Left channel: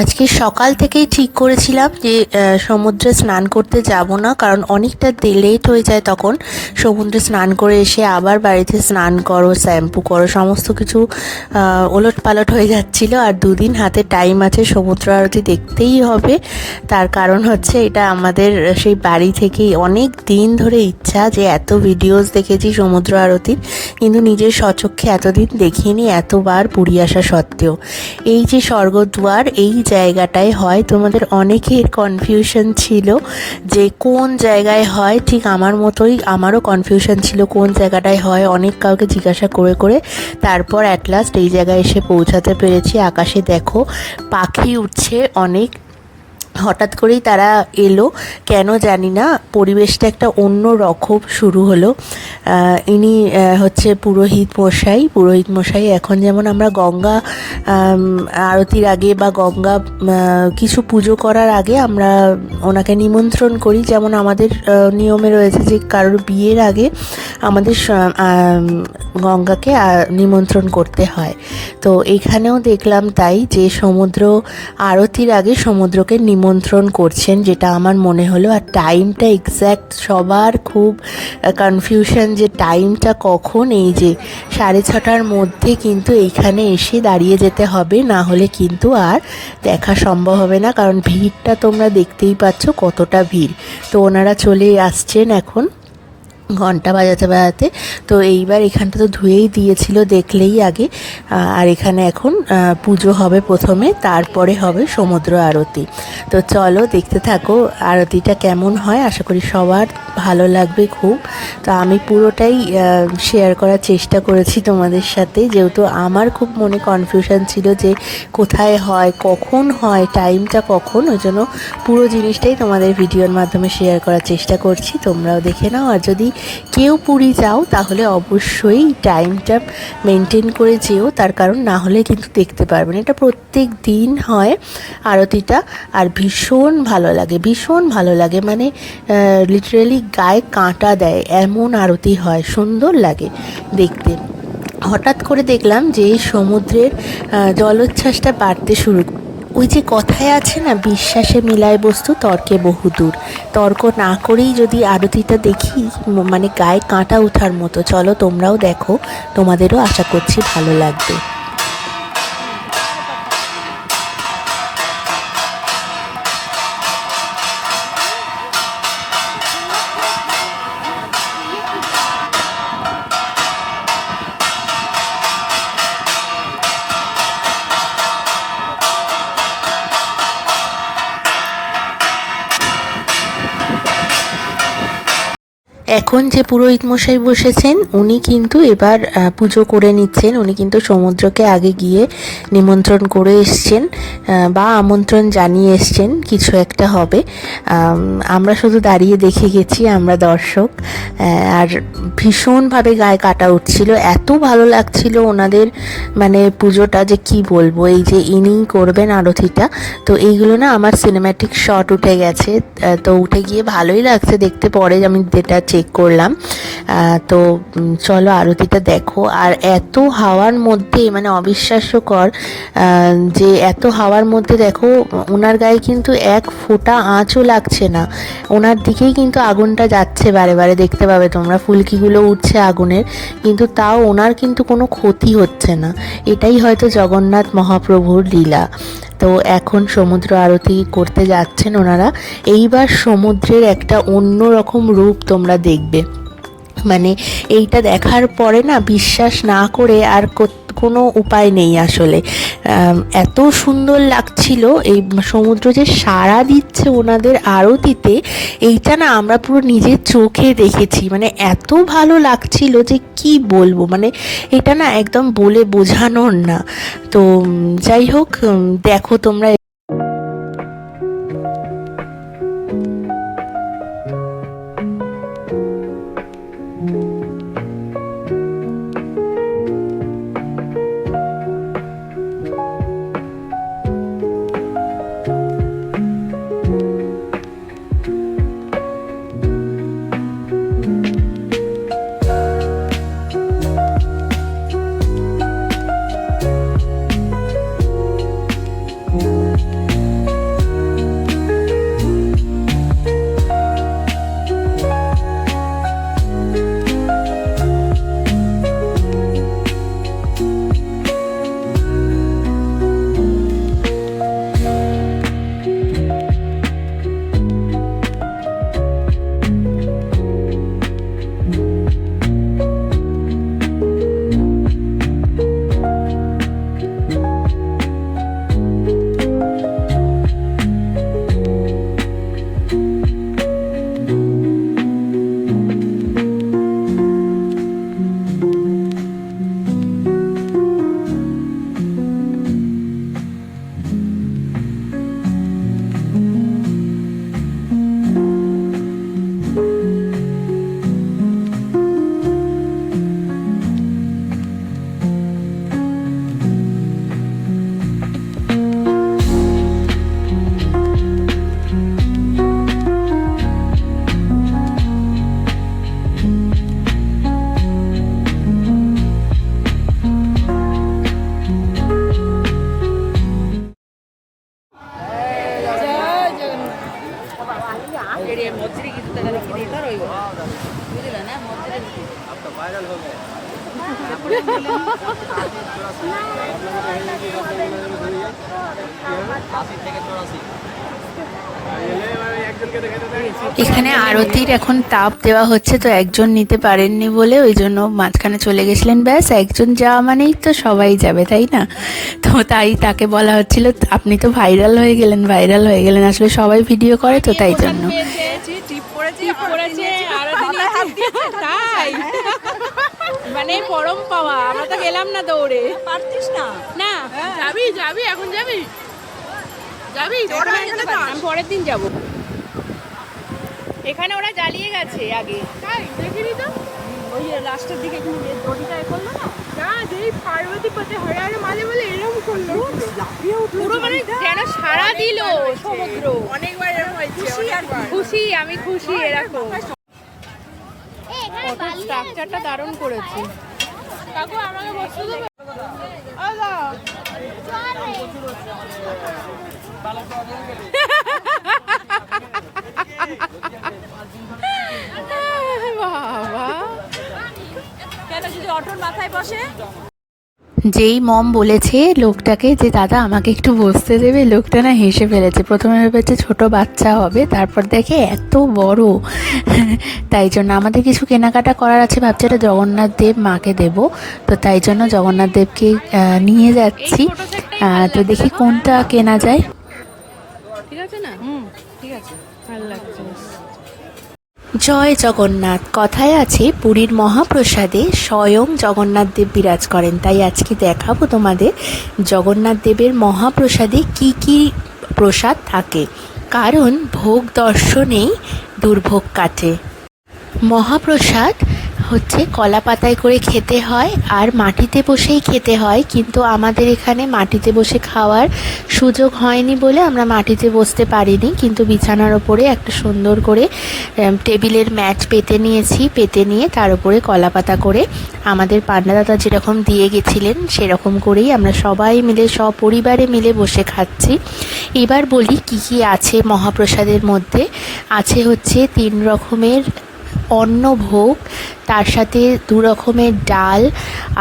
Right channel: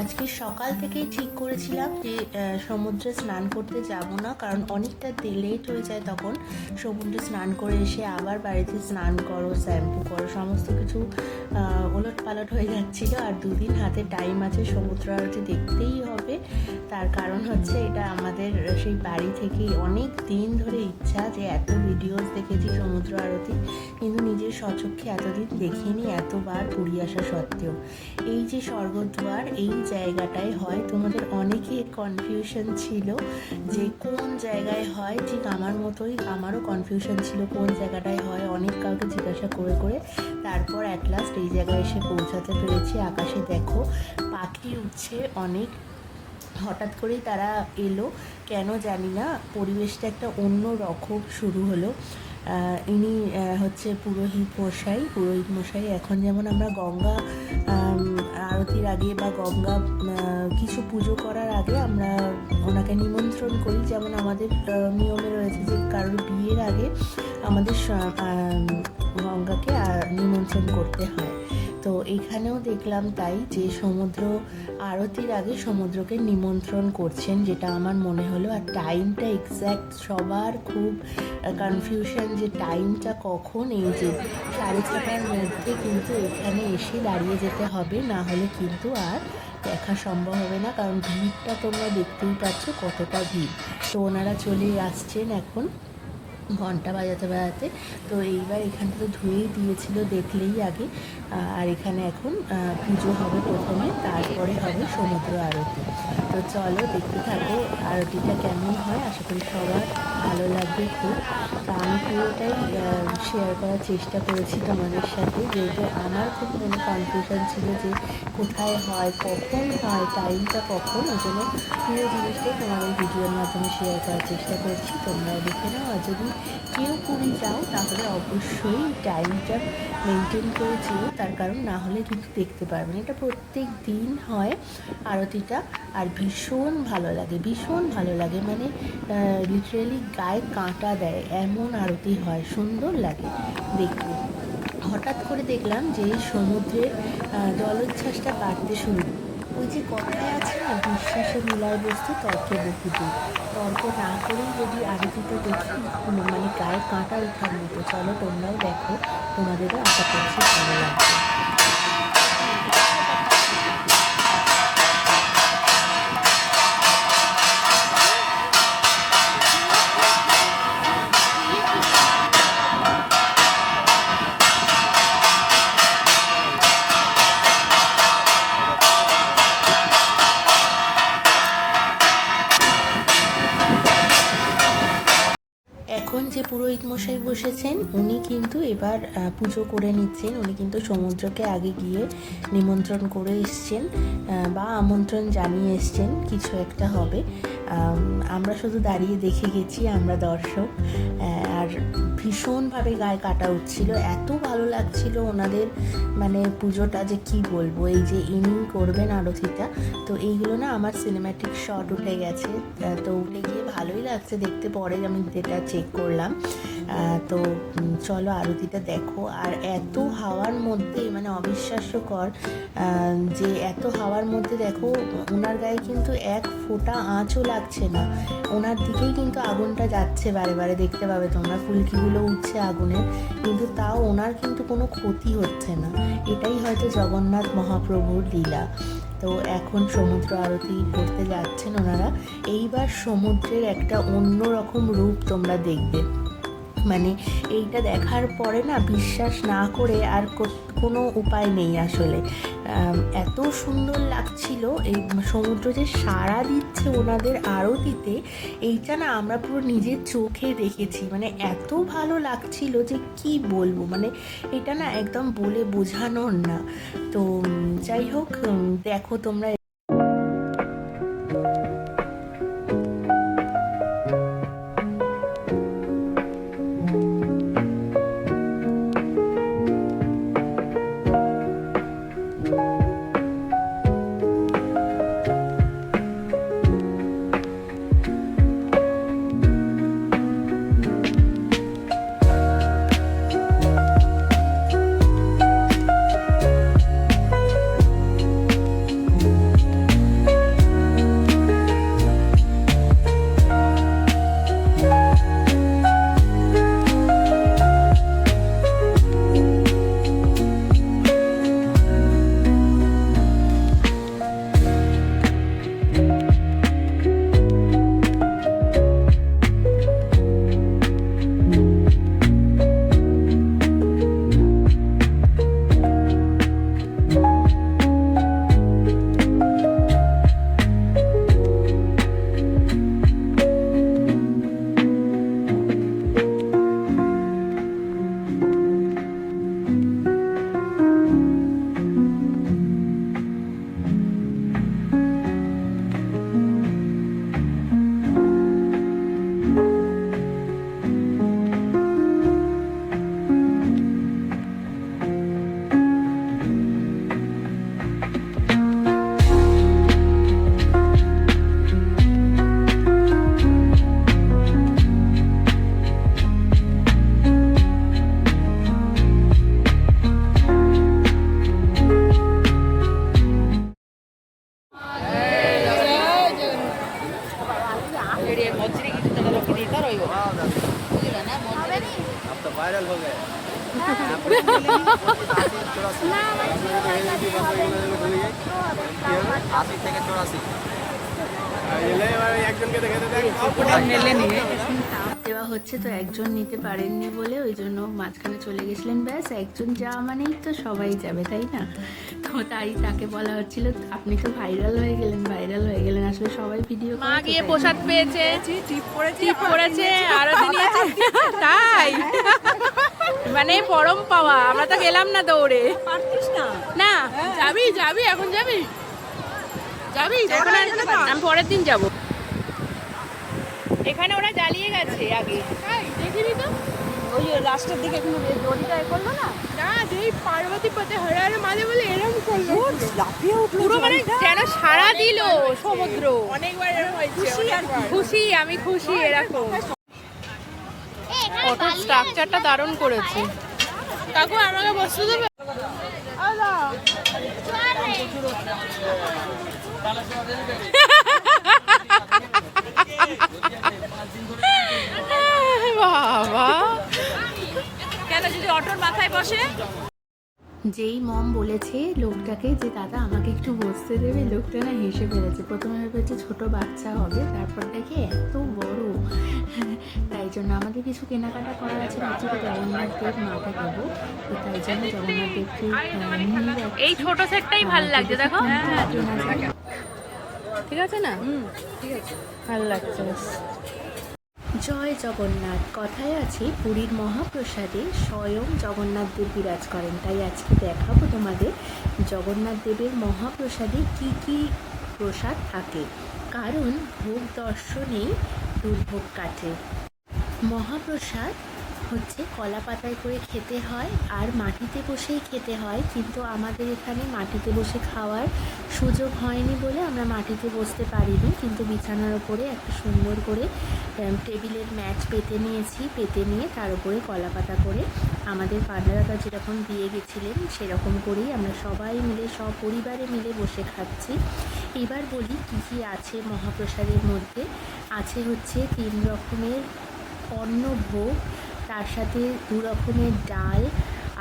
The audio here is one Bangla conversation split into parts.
আজকে সকাল থেকেই ঠিক করেছিলাম যে সমুদ্রে স্নান করতে যাব না, কারণ অনেকটা লেট হয়ে যায়। তখন সমুদ্রে স্নান করে এসে আবার বাড়িতে স্নান করো, শ্যাম্পু করো, সমস্ত কিছু ওলট পালট হয়ে যাচ্ছিল। আর দুদিন হাতে টাইম আছে, সমুদ্র আরতি দেখতেই হবে। তার কারণ হচ্ছে এটা আমাদের সেই বাড়ি থেকেই অনেক দিন ধরে ইচ্ছা, যে এত ভিডিওস দেখেছি সমুদ্র আরতির, কিন্তু নিজের স্বচক্ষে এতদিন দেখিনি, এতবার পুরী আসা সত্ত্বেও। এই যে স্বর্গদ্বার, এই জায়গাটায় হয়। তোমাদের অনেকের কনফিউশন ছিল যে কোন জায়গায় হয়, ঠিক আমার মতোই আমারও কনফিউশন ছিল কোন জায়গাটায় হয়। অনেক কাউকে জিজ্ঞাসা করে করে তারপর অ্যাট লাস্ট এই জায়গায় এসে পৌঁছাতে পেরেছি। আকাশে দেখো পাখি উঠছে অনেক, হঠাৎ করেই তারা এলো, কেন জানি না। পরিবেশটা একটা অন্য রকম শুরু হলো। ইনি হচ্ছে পুরোহিত মশাই। এখন যেমন আমরা গঙ্গা আরতির আগে বা গঙ্গা কিছু পুজো করার আগে আমরা ওনাকে নিমন্ত্রণ করি, যেমন আমাদের নিয়মে রয়েছে যে কারোর বিয়ের আগে আমাদের গঙ্গাকে নিমন্ত্রণ করতে হয়। তো এখানেও দেখলাম তাই, যে সমুদ্র আরতির আগে সমুদ্রকে নিমন্ত্রণ করছেন, যেটা আমার মনে হলো। আর টাইমটা এক্স্যাক্ট সবার খুব কনফিউশন যে টাইমটা কখন। এই যে 6:30টার মধ্যে কিন্তু এইখানে এসে দাঁড়িয়ে যেতে হবে, না হলে কিন্তু আর দেখা সম্ভব হবে না, কারণ ভিড়টা তোমরা দেখতেই পাচ্ছ কতটা ভিড়। তো ওনারা চলে আসছেন এখন ঘন্টা বাজাতে বাজাতে। তো এইবার এখানটা তো ধুয়েই দিয়েছিল দেখলেই আগে। আর এখানে এখন পুজো হবে প্রথমে, তারপরে হবে সমুদ্র আরতি। তো চলো দেখতে থাকো আরতিটা কেমন হয়। আশা করি সবার ভালো লাগবে খুব। তো আমি পুরোটাই শেয়ার করার চেষ্টা করেছি তোমাদের সাথে, যেহেতু আমার খুব মনে কনফিউশন ছিল যে কোথায় হয়, কখন হয়, টাইমটা কখন। ওই জন্য পুরো জিনিসটাই তোমাদের ভিডিওর মাধ্যমে শেয়ার করার চেষ্টা করছি, তোমরাও দেখে নাও। আর যদি কেউ পুরী যাও তাহলে অবশ্যই টাইমটা মেনটেন করে যেও, তার কারণ না হলে কিন্তু দেখতে পারবে না। এটা প্রত্যেক দিন হয় আরতিটা, আর ভীষণ ভালো লাগে, ভীষণ ভালো লাগে। মানে লিটারেলি গায়ে কাঁটা দেয় এমন আরতি হয়, সুন্দর লাগে দেখতে। হঠাৎ করে দেখলাম যে সমুদ্রের জলোচ্ছ্বাসটা বাড়তে শুরু। ওই যে কথায় আছে না, বিশ্বাসে মিলায় বস্তু তর্কে বহুদূর। তর্ক না করেই যদি আরতিটা দেখি, মানে গায়ে কাঁটা ওঠার মতো। চলো তোমরাও দেখো, তোমাদেরও আশা করছি ভালো লাগবে। এখন যে পুরোহিত মশাই বসেছেন, উনি কিন্তু এবার পুজো করে নিচ্ছেন। উনি কিন্তু সমুদ্রকে আগে গিয়ে নিমন্ত্রণ করে এসছেন, বা আমন্ত্রণ জানিয়ে এসছেন কিছু একটা হবে। আমরা শুধু দাঁড়িয়ে দেখে গেছি, আমরা দর্শক। আর ভীষণভাবে গায়ে কাটা উঠছিল, এত ভালো লাগছিল ওনাদের মানে পুজোটা, যে কি বলবো। এই যে ইনি করবেন আরতিটা, তো এইগুলো না আমার সিনেম্যাটিক শট উঠে গেছে। তো উঠে গিয়ে ভালোই লাগছে দেখতে, পরে আমি যেটা চেক করলাম। তো চলো আরতিটা দেখো। আর এত হাওয়ার মধ্যে, মানে অবিশ্বাস্যকর যে এত হাওয়ার মধ্যে দেখো ওনার গায়ে কিন্তু এক ফোঁটা আঁচও লাগছে না। ওনার দিকেই কিন্তু আগুনটা যাচ্ছে বারে বারে, দেখতে পাবে তোমরা ফুলকিগুলো উঠছে আগুনের, কিন্তু তাও ওনার কিন্তু কোনো ক্ষতি হচ্ছে না। এটাই হয়তো জগন্নাথ মহাপ্রভুর লীলা। তো এখন সমুদ্র আরতি করতে যাচ্ছেন ওনারা। এইবার সমুদ্রের একটা অন্য রকম রূপ তোমরা দেখবে। মানে এইটা দেখার পরে না বিশ্বাস না করে আর কোনো উপায় নেই আসলে। এত সুন্দর লাগছিল এই সমুদ্র যে সাড়া দিচ্ছে ওনাদের আরতিতে, এইটা না আমরা পুরো নিজের চোখে দেখেছি। মানে এত ভালো লাগছিল যে কি বলবো, মানে এটা না একদম বলে বোঝানোর না। তো যাই হোক, দেখো তোমরা। এখানে আরতির এখন তাপ দেওয়া হচ্ছে, তো একজন নিতে পারেননি বলে ওই জন্য মাঝখানে চলে গেছিলেন। ব্যাস, একজন যাওয়া মানেই তো সবাই যাবে, তাই না? তো তাই তাকে বলা হচ্ছিল আপনি তো ভাইরাল হয়ে গেলেন, ভাইরাল হয়ে গেলেন। আসলে সবাই ভিডিও করে তো তাই জন্য। তাই মানে পরম পাওয়া, আমরা তো গেলাম না দৌড়ে। না যাবি যাবি এখন যাবি যাবি এখন, আমি পরের দিন যাব। এখানে ওরা জ্বালিয়ে গেছে আগে, দেখিনি তো ওই লাস্টের দিকে দড়িটা করলো না, না যেই পার্বতী পথে হরে মাঝে বলে এরকম করলো, পুরো মানে যেন সারা দিল সমুদ্র। অনেকবার এরকম হয়েছে, খুশি আমি খুশি এরকম। অটোর স্ট্রাকচারটা দারুণ করেছে। কাকু আমাকে বসতে দেবে? বাবা কেন যদি অটোর মাথায় বসে? যেই মম বলেছে লোকটাকে যে দাদা আমাকে একটু বসতে দেবে, লোকটা না হেসে ফেলেছে। প্রথমে ভেবেছে ছোট বাচ্চা হবে, তারপর দেখে এত বড়। তাই জন্য আমাদের কিছু কেনাকাটা করার আছে, ভাবছি এটা জগন্নাথ দেব মাকে দেব, তো তাই জন্য জগন্নাথ দেবকে নিয়ে যাচ্ছি। তো দেখি কোনটা কেনা যায়। ঠিক আছে না? ঠিক আছে, ভালো লাগছে। জয় জগন্নাথ। কথায় আছে পুরীর মহাপ্রসাদে স্বয়ং জগন্নাথ দেব বিরাজ করেন, তাই আজকে দেখাবো তোমাদের জগন্নাথ দেবের মহাপ্রসাদে কি কি প্রসাদ থাকে, কারণ ভোগ দর্শনেই দুর্ভোগ কাটে। মহাপ্রসাদ হচ্ছে কলা পাতায় করে খেতে হয় আর মাটিতে বসেই খেতে হয়, কিন্তু আমাদের এখানে মাটিতে বসে খাওয়ার সুযোগ হয়নি বলে আমরা মাটিতে বসতে পারিনি, কিন্তু বিছানার ওপরে একটা সুন্দর করে টেবিলের ম্যাট পেতে নিয়েছি। পেতে নিয়ে তার উপরে কলা পাতা করে আমাদের পান্ডাদাদা যেরকম দিয়ে গেছিলেন সেরকম করেই আমরা সবাই মিলে সপরিবারে মিলে বসে খাচ্ছি। এবার বলি কি কি আছে মহাপ্রসাদের মধ্যে। আছে হচ্ছে 3 রকমের অন্নভোগ, তার সাথে 2 রকমের ডাল,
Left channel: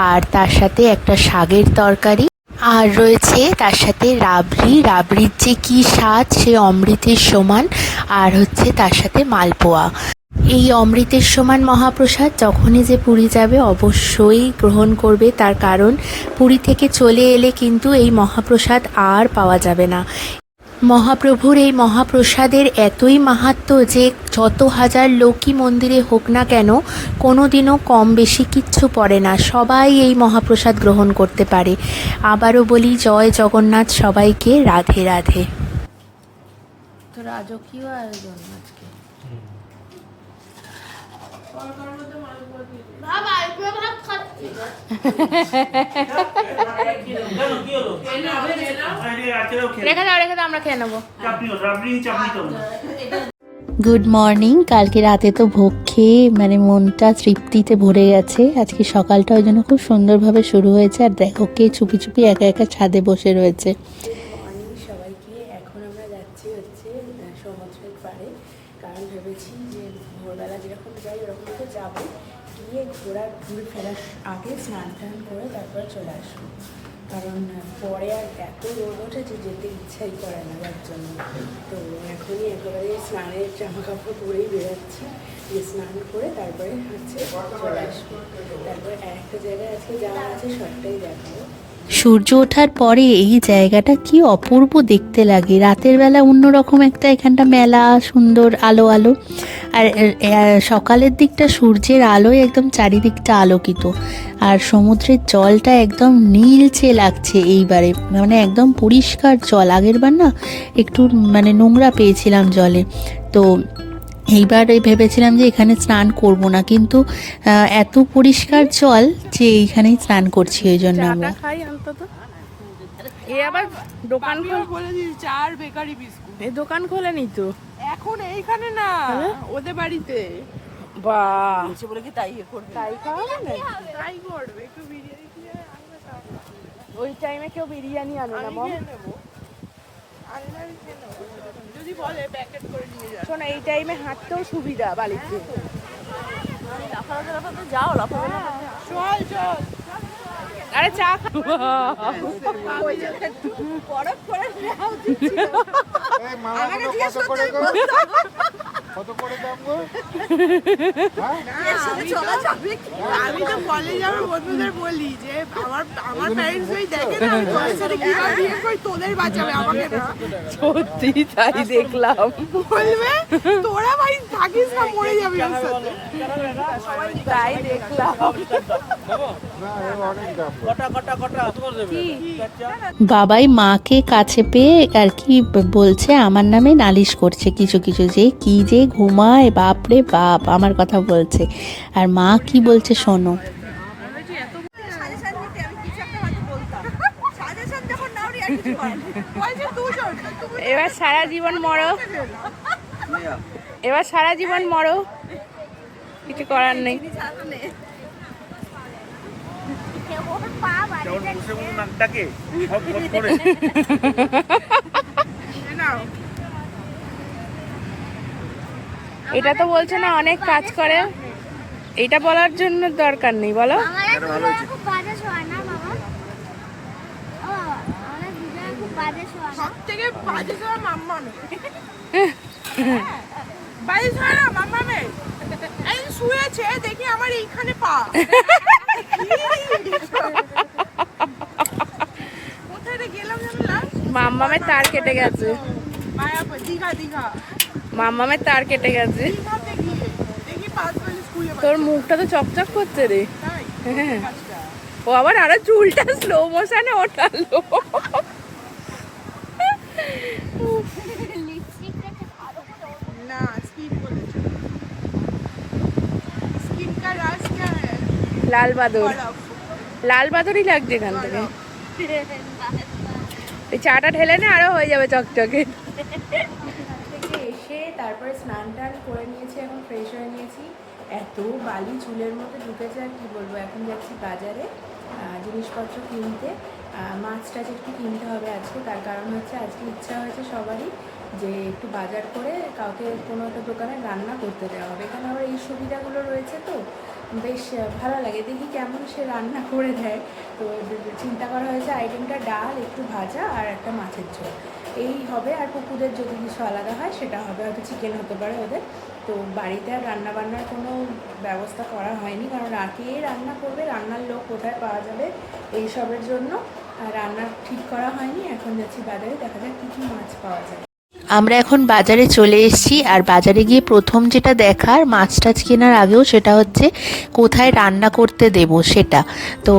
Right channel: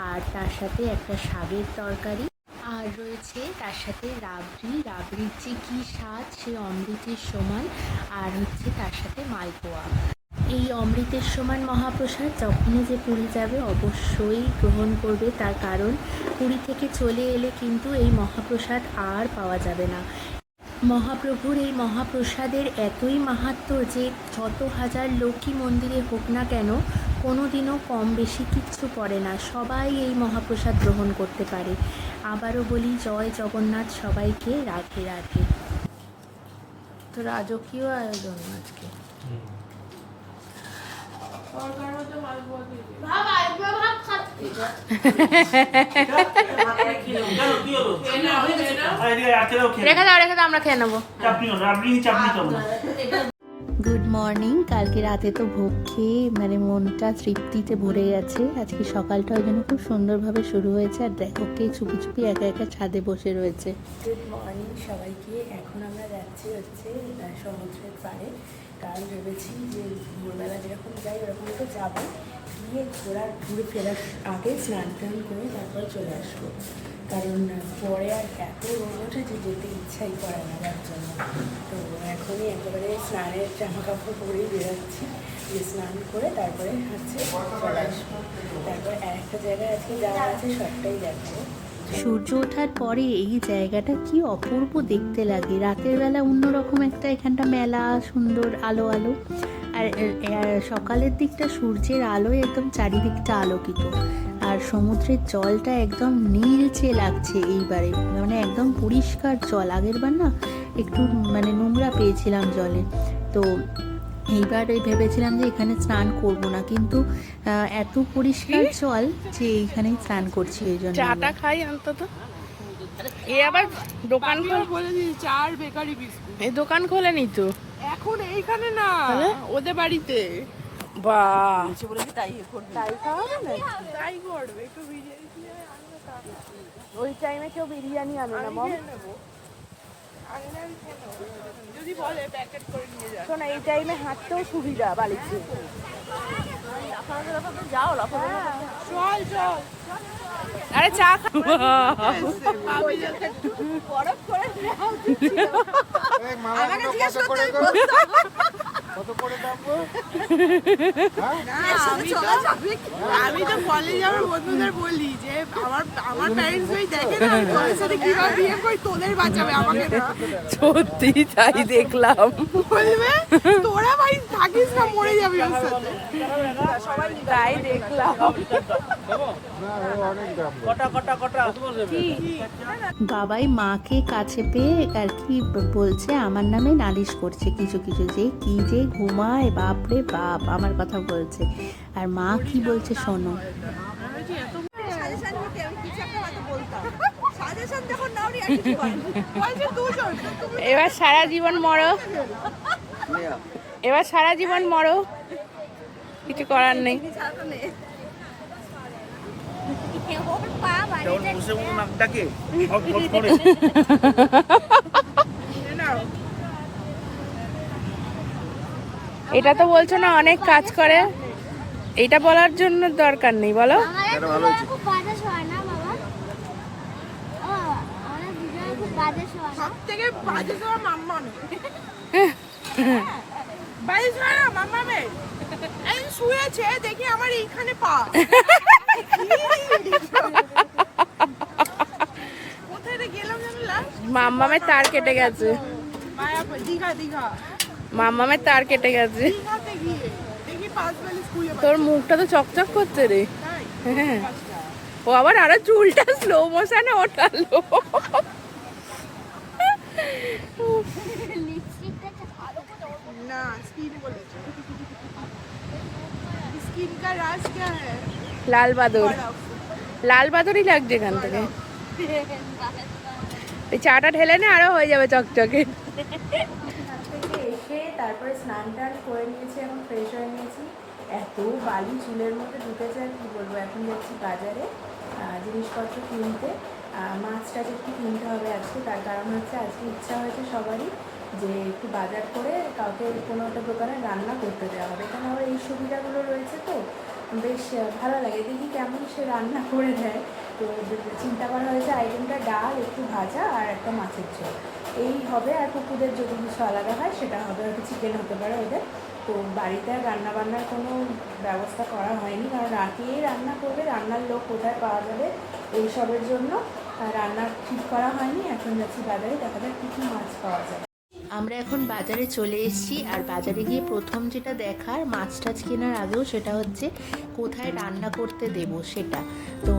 আর তার সাথে একটা শাকের তরকারি, আর রয়েছে তার সাথে রাবড়ি। রাবড়ির যে কী স্বাদ, সে অমৃতের সমান। আর হচ্ছে তার সাথে মালপোয়া। এই অমৃতের সমান মহাপ্রসাদ যখনই যে পুরী যাবে অবশ্যই গ্রহণ করবে, তার কারণ পুরী থেকে চলে এলে কিন্তু এই মহাপ্রসাদ আর পাওয়া যাবে না। মহাপ্রভুর এই মহাপ্রসাদের এতই মাহাত্ম্য যে যত হাজার লোকই মন্দিরে হোক না কেন কোনো দিনও কম বেশি কিচ্ছু পড়ে না, সবাই এই মহাপ্রসাদ গ্রহণ করতে পারে। আবারও বলি জয় জগন্নাথ, সবাইকে রাধে রাধে। তো রাজকীয় আয়োজন আজকে। রেখে দাও আমরা খেয়ে নেবো। Good morning. কালকে রাতে তো ভোগ খেয়ে মানে মনটা তৃপ্তিতে ভরে গেছে। আজকে সকালটা ওই জন্য খুব সুন্দরভাবে শুরু হয়েছে। আর দেখো কে চুপি চুপি একা একা ছাদে বসে রয়েছে। গুড মর্নিং সবাইকে। এখন আমরা যাচ্ছি হচ্ছে সমুদ্রের পাড়ে, কারণ ভেবেছি যে ভোরবেলা যেরকম যাই ওরকম তো যাবো, গিয়ে ঘুরে ফেরার আগে স্নান টান করে তারপরে চলে আসবো, কারণ পরে আর এত রোদ ওঠে যে যেতে ইচ্ছাই করে না যার জন্য। তো এখনই একেবারে স্নানের জামা কাপড় পরেই বেরোচ্ছি, যে স্নান করে তারপরে হচ্ছে চলে আসবো। তারপরে একটা জায়গায় আজকে যাওয়া আছে, সবটাই দেখবো। সূর্য ওঠার পরে এই জায়গাটা কি অপূর্ব দেখতে লাগে। রাতের বেলা অন্যরকম একটা এখানটা মেলা, সুন্দর আলো আলো, আর সকালের দিকটা সূর্যের আলোয় একদম চারিদিকটা আলোকিত, আর সমুদ্রের জলটা একদম নীলচে লাগছে এইবারে, মানে একদম পরিষ্কার জল। আগের বার না একটু মানে নোংরা পেয়েছিলাম জলে, তো এইবার ভেবেছিলাম যে এখানে স্নান করব না, কিন্তু এত পরিষ্কার জল যে এইখানেই স্নান করছি। ওই জন্য চাটা খাই অন্তত। এই আবার দোকান বলে দিই, চার বেকারি বিস্কুট এই দোকান খোলেনি তো এখন, এইখানে না ওদের বাড়িতে। বাহ, বলেছি তাই করবে, তাই খাওয়াবে না, তাই করবে। একটু বিরিয়ানি দিয়ে আনবে, ওই টাইমে কেউ বিরিয়ানি আনে না মম। শোন, এই টাইমে হাঁটতেও সুবিধা বালিতে। আরে চা আমি তো কলেজে আমার বন্ধুদের বলি যে আমার প্যারেন্টস ওই দেখে না আমি তোদের সাথে কিভাবে বিয়ে করি, তোদের বাঁচাবে আমাকে না। সত্যি তাই দেখলাম। বলবে তোরা ভাই থাকিস না, মরে যাবি ওর সাথে। তাই দেখলাম। বাবাই মাকে কাছে পেয়ে আর কি বলছে, আমার নামে নালিশ করছে কিছু কিছু, যে কি যে ঘুমায় বাপরে বাপ আমার কথা বলছে। আর মা কি বলছে শোনো। এবার সারা জীবন মরো, এবার সারা জীবন মরো, কিছু করার নেই। এটা তো বলছো না অনেক কাজ করে, এটা বলার জন্য দরকার নেই, বলো। দেখি আমার এইখানে পা মাম্মামের তার কেটে গেছে, মাম্মামের তার কেটে গেছে। তোর মুখটা তো চকচক করছে রে। হ্যাঁ, ও আবার আরো চুলটা স্লো মোশনে ওঠালো। লাল বাদর, লাল বাদরই লাগছে এখান থেকে। এই চাটা ঢেলে না আরো হয়ে যাবে চকচকে। থেকে এসে তারপরে স্নান টান করে নিয়েছি, এখন ফ্রেশ হয়ে নিয়েছি। এত বালি চুলের মধ্যে ঢুকেছে আর কি বলবো। এখন যাচ্ছি বাজারে জিনিসপত্র কিনতে, মাছ টাছ একটু কিনতে হবে আজকে। তার কারণ হচ্ছে আজকে ইচ্ছা হয়েছে সবারই যে একটু বাজার করে কাউকে কোনো একটা দোকানে রান্না করতে দেওয়া হবে। এখানে আবার এই সুবিধাগুলো রয়েছে, তো বেশ ভালো লাগে। দেখি কেমন সে রান্না করে দেয়। তো চিন্তা করা হয়েছে আইটেমটা ডাল, একটু ভাজা আর একটা মাছের ঝোল, এই হবে। আর কুকুরদের যদি কিছু আলাদা হয় সেটা হবে, হয়তো চিকেন হতে পারে ওদের। তো বাড়িতে আর রান্নাবান্নার কোনো ব্যবস্থা করা হয়নি, কারণ রাতেই রান্না করবে, রান্নার লোক কোথায় পাওয়া যাবে এইসবের জন্য রান্না ঠিক করা হয়নি। এখন যাচ্ছি বাজারে, দেখা যাক কী কী মাছ পাওয়া যায়। আমরা এখন বাজারে চলে এসেছি। আর বাজারে গিয়ে প্রথম যেটা দেখার, মাছ টাছ কেনার আগেও, সেটা হচ্ছে কোথায় রান্না করতে দেব সেটা। তো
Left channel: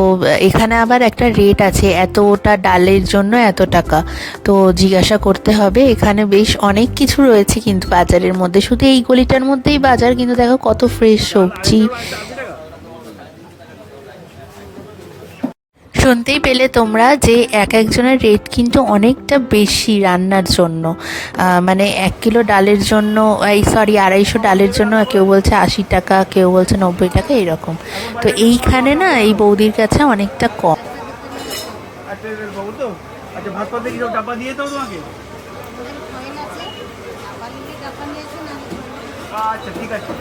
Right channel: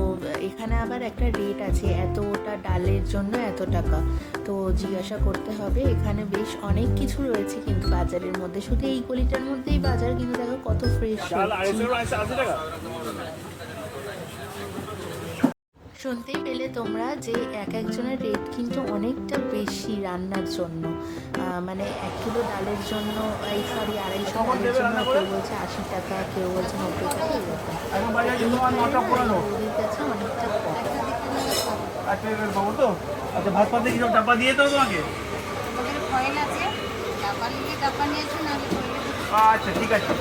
এখানে আবার একটা রেট আছে, এতটা ডালের জন্য এত টাকা, তো জিজ্ঞাসা করতে হবে। এখানে বেশ অনেক কিছু রয়েছে কিন্তু বাজারের মধ্যে, শুধু এই গলিটার মধ্যেই বাজার, কিন্তু দেখো কত ফ্রেশ সবজি। শুনতেই পেলে তোমরা যে এক একজনের রেট কিন্তু অনেকটা বেশি রান্নার জন্য। মানে 1 কিলো ডালের জন্য, 250 ডালের জন্য কেউ বলছে 80 টাকা, কেউ বলছে 90 টাকা, এরকম। তো এইখানে না এই বৌদির কাছে অনেকটা কম। আচ্ছা ঠিক আছে।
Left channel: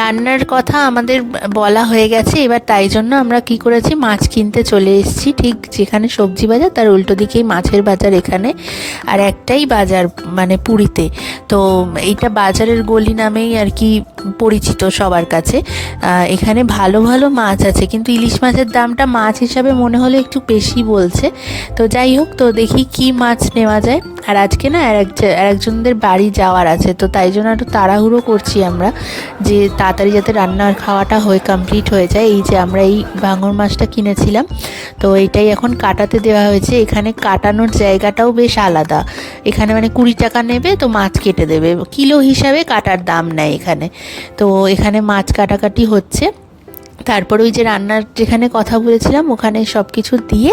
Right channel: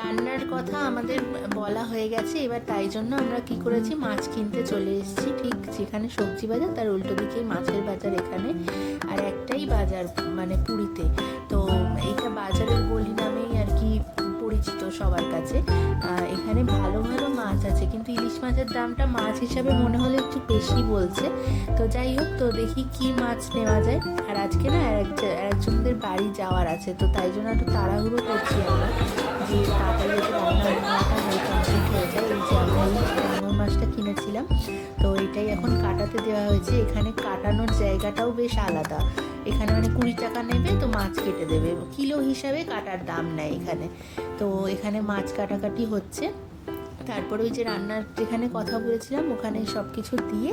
রান্নার কথা আমাদের বলা হয়ে গেছে এবার, তাই জন্য আমরা কি করেছি, মাছ কিনতে চলে এসেছি। ঠিক যেখানে সবজি বাজার তার উল্টো দিকেই মাছের বাজার এখানে, আর একটাই বাজার মানে পুরীতে। তো এইটা বাজারের গলি নামেই আর কি পরিচিত সবার কাছে। এখানে ভালো ভালো মাছ আছে, কিন্তু ইলিশ মাছের দামটা মাছ হিসাবে মনে হলে একটু বেশি বলছে। তো যাই হোক, তো দেখি কি মাছ নেওয়া যায়। আর আজকে না আরেকজনদের বাড়ি যাওয়ার আছে, তো তাই জন্য একটু তাড়াহুড়ো করছি আমরা, যে তাড়াতাড়ি যাতে রান্নার খাওয়াটা হয়ে কমপ্লিট হয়ে যায়। এই যে আমরা এই ভাঙর মাছটা কিনেছিলাম, তো এইটাই এখন কাটাতে দেওয়া হয়েছে। এখানে কাটানোর জায়গাটাও বেশ আলাদা, এখানে মানে 20 টাকা নেবে, তো মাছ কেটে দেবে, কিলো হিসাবে কাটার দাম নেয় এখানে। তো এখানে মাছ কাটাকাটি হচ্ছে। তারপরে ওই যে রান্নার যেখানে কথা বলেছিলাম ওখানে সব কিছু দিয়ে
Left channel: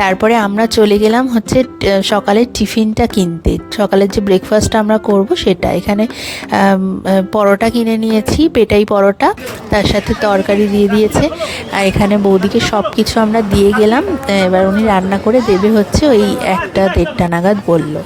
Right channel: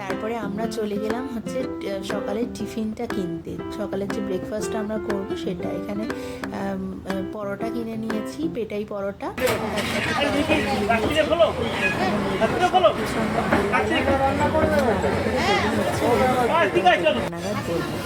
তারপরে আমরা চলে গেলাম হচ্ছে সকালের টিফিনটা কিনতে, সকালের যে ব্রেকফাস্টটা আমরা করব সেটা। এখানে পরোটা কিনে নিয়েছি, পেটাই পরোটা, তার সাথে তরকারি দিয়ে দিয়েছে। আর এখানে বৌদিকে সব কিছু আমরা দিয়ে গেলাম। এবার উনি রান্না করে দেবে হচ্ছে ওই 1টা 1:30 নাগাদ বললো।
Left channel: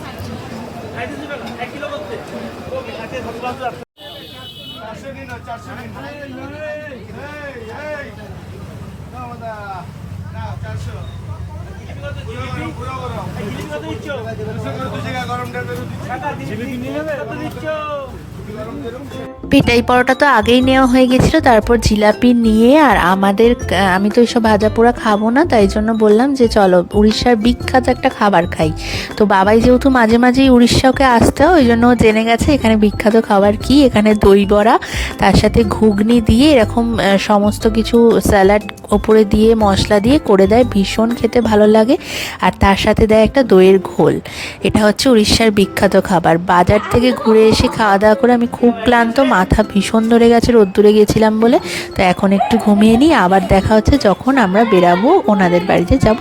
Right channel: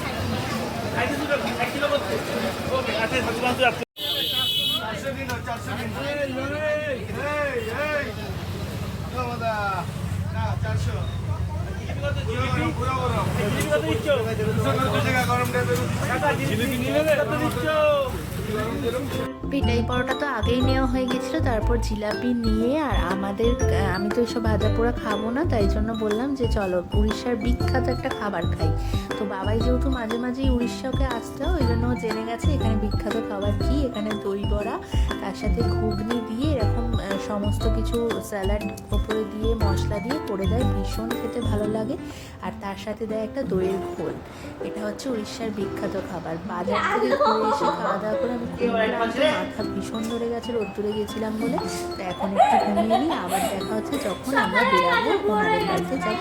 পেটাই পরোটা তো আগেই নেওয়া হয়ে গেছিলো, তারপর জিলাপি নিয়ে আর আমাদের আমি তো এইসব ভাজা পোড়া খাবো না, তাই জন্য বললাম যে চলো উড়িষ্যার বিখ্যাত একটা খাবার খাই। তো বাবাই যেহেতু মাঝে মাঝেই উড়িষ্যাকে আসতে হয়, ওই জন্য ও জেনে গেছে এখানে বিখ্যাত খাবার কি। এখানে দই বড়া, তার সাথে ঘুগনি দিয়ে এরকম সমস্ত কিছু স্যালাড ওপরে দিয়ে মশলা দিয়ে করে দেয়, ভীষণ খেতে ভালো লাগে। আর তার সাথে দেয় একটা দইয়ের ঘোল। এটা হচ্ছে উড়িষ্যার বিখ্যাত খাবার। বাজার থেকে ঘুরে এসে খাওয়া দাওয়া করে আমি খুব ক্লান্ত, মাথা ভীষণ ধরে গেছে রোদ্দুরে গেছিলাম বলে। তো এখন একটু ঘুমিয়ে নিই, আবার দেখা হচ্ছে যখন আমরা বেরাবো ওনাদের বাড়িতে যাব।